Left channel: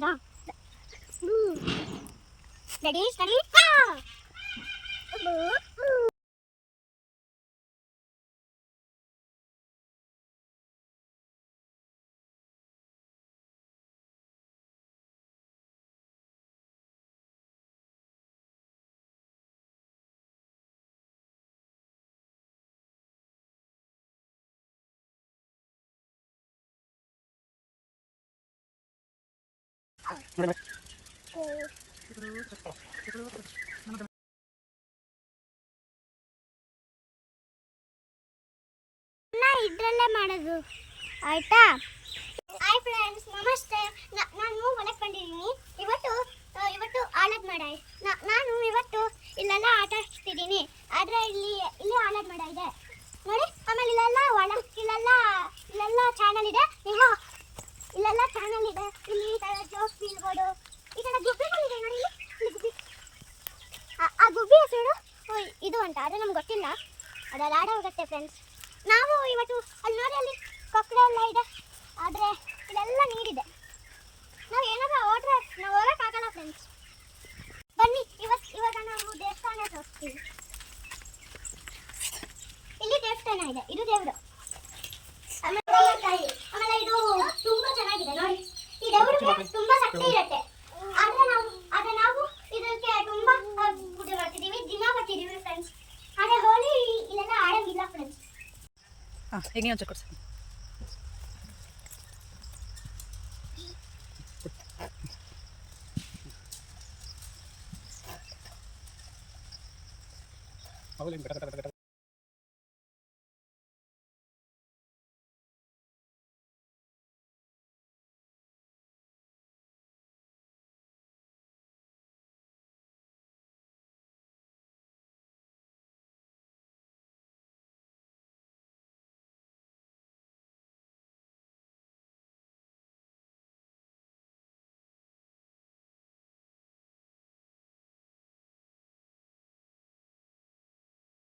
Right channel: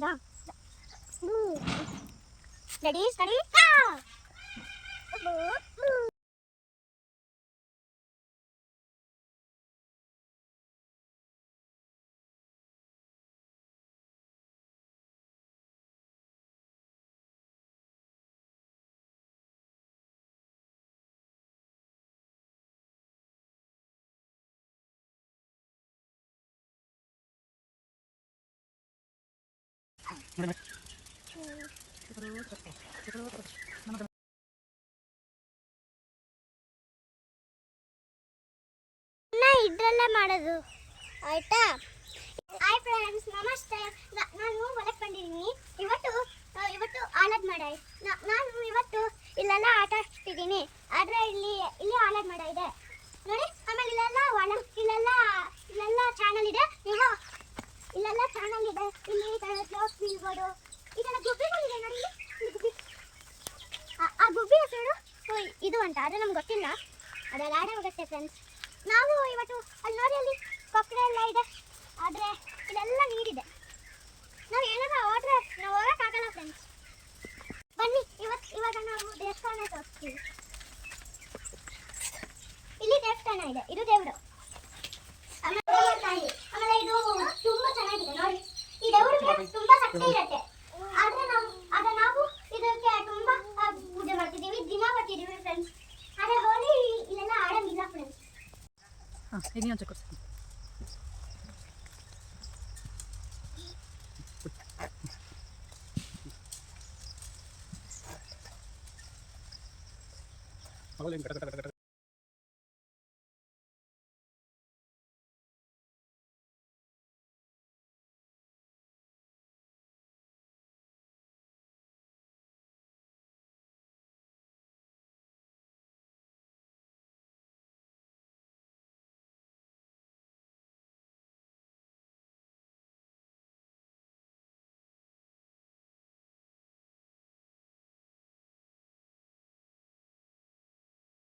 ಹಾಕ್ತೀರಾ? Ready study ಇದ್ರಲ್ಲೇ ಮಾಡೋದು ಆಯ್ತಾ? ಹಾಯ್ ಫ್ರೆಂಡ್ಸ್, ನಮಸ್ತೆ. ನಾನು ಹೊಲಕ್ಕೆ ಬಂದಿದ್ದೀನಿ. ಇವತ್ತು ಆಲದ ಮಾಡ. ನಾನು ಇವತ್ತು ಇಲ್ಲೆಲ್ಲ ಆಟ ಆಡ್ತಿದ್ದೀನಿ. ಆದರೆ ಇಲ್ಲಿ ಆಲದ ಮಾಡ ಇದೆ ನೋಡಿ. ಆಮೇಲೆ ಇಲ್ಲೆಲ್ಲ ಚಾನಲ್ ಇದೆ. ನೀವು ಇಲ್ಲೆಲ್ಲ ಚಾನಲ್ ಇದೆ. ಇಲ್ಲಿ ಈ ಥರ ಜೋಸ್ ಬೀಳ್ಬೋದು. ಈ ಥರ ಗುಬ್ಬಿಗಳಿದೆ ನೋಡಿ. ಗುಬ್ಬಿ, ಆ ಗುಬ್ಬಿ ಹೆಸರು ಇದು ಅಂತ. ಅದು ನಮ್ಗೆ ಗೊತ್ತಿಲ್ಲ. ಅದೆಲ್ಲ ಆಡ ಹೋಗುತ್ತೆ ಫ್ರೆಂಡ್ಸ್. ನಾವು ಇವತ್ತು ಅಲ್ಲಿ ನೋಡಿ, ಅಲ್ಲಿ ಕೊಕ್ಕರೆ ಎಲ್ಲ ಇದೆ. ಆದರೆ ಇಲ್ಲೆಲ್ಲ ನೀರಿದೆ. ನಾವು ಏನಾದ್ರು ಹೋದ್ರೆ ನಾವು ಹೋಗೋಕ್ಕಾಗಲ್ಲ ಫ್ರೆಂಡ್ಸ್. ಬನ್ನಿ, ಇವಾಗ ನಾವು ದೇವಸ್ಥಾನ ತೋರಿಸ್ತೀವಿ. ಇಲ್ಲಿ ದೇವಸ್ಥಾನ ಇದೆ. ಇದು ದೇವರು. ಆಮೇಲೆ ಇದು ತುಂಬಾ ಚೆನ್ನಾಗಿದೆ ನೋಡಿ. ಈ ದೇವರಿಗೆ ತುಂಬಾ ಶಕ್ತಿ ಇರುತ್ತೆ. ಆದ್ರೆ ನಾವು ಇದಕ್ಕೆ ತುಂಬಾ ಪೂಜೆ ಮಾಡ್ತಿದ್ದೀವಿ. ದಿನ ಬರ್ತಿದ್ದೀವಿ ಫ್ರೆಂಡ್ಸ್. ಆದ್ರೆ ಹೋಳಿ ಇಲ್ಲೆಲ್ಲ ಆಡಂಗಿಲ್ಲ ಫ್ರೆಂಡ್ಸ್. ಈಗ ನೀವು ಒಂಚೂರು ಕೊಡ್ಸಿ.